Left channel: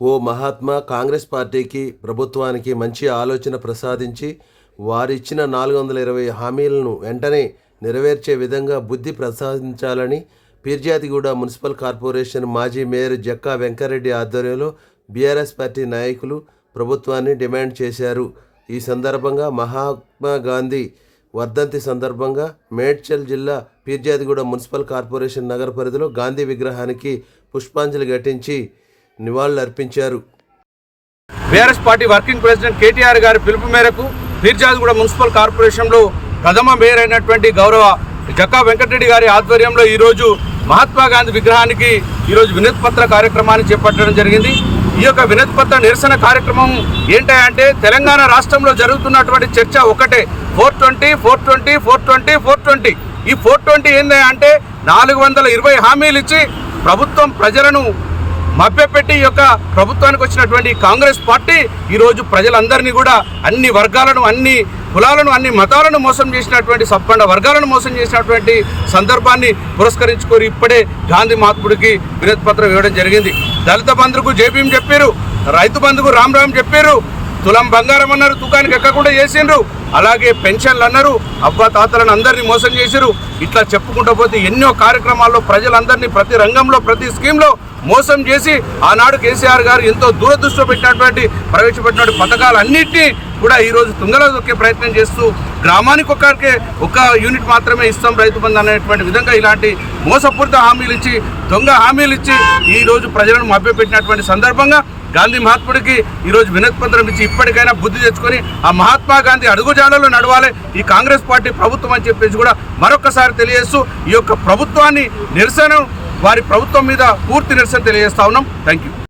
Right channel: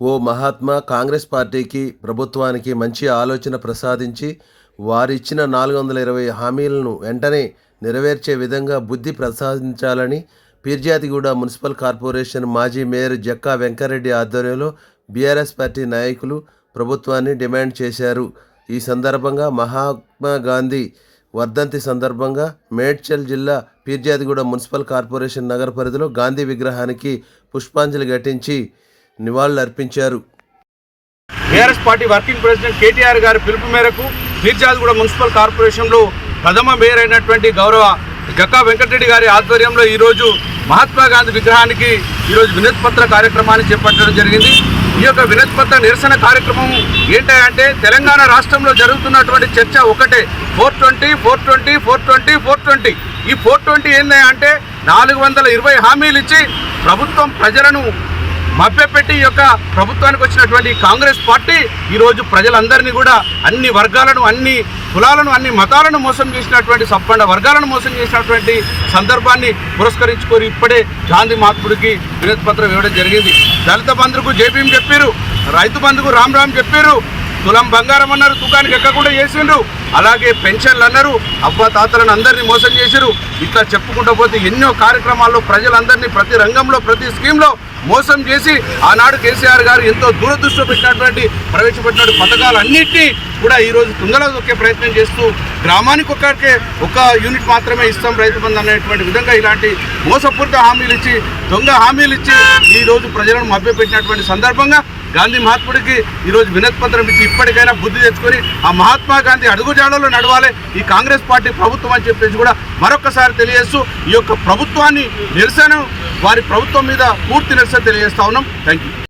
ఓ మహాత్మా కాంగ్రెస్ పార్టీకి ప్రభుత్వానికి మంచి ఆలోచన ప్రసాదించి వారిచ్చిన నాలుగు వందల ఇరవై హామీలను వెంటనే నెరవేర్చే విధంగా బుద్ధి ప్రసాదించాలని పీర్జాతిగూడ మున్సిపల్ కార్పొరేషన్ మాజీ మేయర్ జక్కా వెంకరెడ్డి ఆధ్వర్యంలో బీఆర్ఎస్ పార్టీ నాయకులు ప్రభుత్వాన్ని డిమాండ్ చేశారు. ఈ సందర్భంగా మహాత్మా గాంధీ వర్ధంతి సందర్భంగా మేడ్చల్ జిల్లా పీర్జాదిగూడ మున్సిపల్ కార్పొరేషన్ నగర పరిధిలో గాంధీ విగ్రహానికి పుష్పాంజలి ఘటించి నివాళులర్పించారు. BRS party working president KTR గారి పిలుపు మేరకు కూడా మున్సిపల్ కార్పొరేషన్లో ప్రథమ మేయర్ అయినటువంటి గౌరవ జక్కా వెంకటరెడ్డి గారి ఆధ్వర్యంలో ఈరోజు మహాత్మా గాంధీ విగ్రహానికి ఈరోజు వినతి పత్ర కార్యక్రమాన్ని చేపట్టడం జరిగింది. ఈ యొక్క వినతి పత్ర నిరసన కార్యక్రమం ఏంటంటే తెలంగాణ రాష్ట్రంలో జరుగుతున్నటువంటి చర్చ ఒకటే. Four twenty four twenty four twenty four twenty. ఈ ఫోర్ ట్వంటీ ఏంటంటే నాలుగు వందల ఇరవై హామీలు ఇచ్చి ప్రభుత్వం ప్రజలను మభ్యపెట్టి యొక్క ప్రభుత్వానికి వచ్చినటువంటి కాంగ్రెస్ పార్టీ ఈరోజు ప్రజలందరినీ కూడా అన్ని వర్గాలను అన్ని కులాలను అన్ని మతాలను మోసం చేసినటువంటి సబ్బండ వర్గాలను మోసం చేసినటువంటి సందర్భాన్ని పురస్కరించుకొని ఇప్పుడే గాంధీ మహాత్ముడికి వినతి పత్రం ఇవ్వడం జరిగింది. దళిత బంధుకు జేపీఎం చెప్పారు రైతు బంధుకు రామ్ రామ్ చెప్పారు తులం బంగారం అన్నారు తుకానికి ఎక్కకుండా చేసిండ్రు. అలాగే పెన్షన్లు అన్నారు అబ్బా తాతలను అందరినీ మోసం చేసిరు ఇట్లా చెప్పుకుంటూ పోతే ఎన్నో కార్యక్రమాల్లో ప్రజలందరినీ ప్రతి రంగంలో ప్రతి స్కీమ్లో మోసం చేసి ఆనాడు కేసీఆర్ గారు ఎంతో దూరదృష్టిలో పెట్టినటువంటి ప్రవేశపెట్టిన పథకాలన్నింటినీ కూడా ఈరోజు తుంగలో దొక్కే ప్రయత్నం చేస్తూ గ్రామానికి ఒక్కరికే ఒక యూనిట్ మాత్రమే ఇస్తాం రైతు బంధు అనేటువంటి విధంగా ఇలాంటి మోసపూరిత హామీలు ఇచ్చి దొంగ హామీలు ఇచ్చి ఈరోజు ప్రజలను మభ్యపెట్టినటువంటి సందర్భంగా గాంధీ మహాత్ముడికి ఈరోజు వినతి పత్రం ఇచ్చి ఇప్పటికైనా బుద్ధి తెచ్చుకొని ఆ మహాత్మా గాంధీ అడుగుజాడలో నడవాలి ఈ కాంగ్రెస్ పార్టీ ప్రభుత్వం అని చెప్పేసి కూడా మరొకసారి తెలియజేస్తూ ఈ యొక్క ప్రభుత్వాన్ని నిరసన వారి ప్రభుత్వం మీద పూర్తి నిరసన తెలియజేస్తా ఉన్నాం. Thank you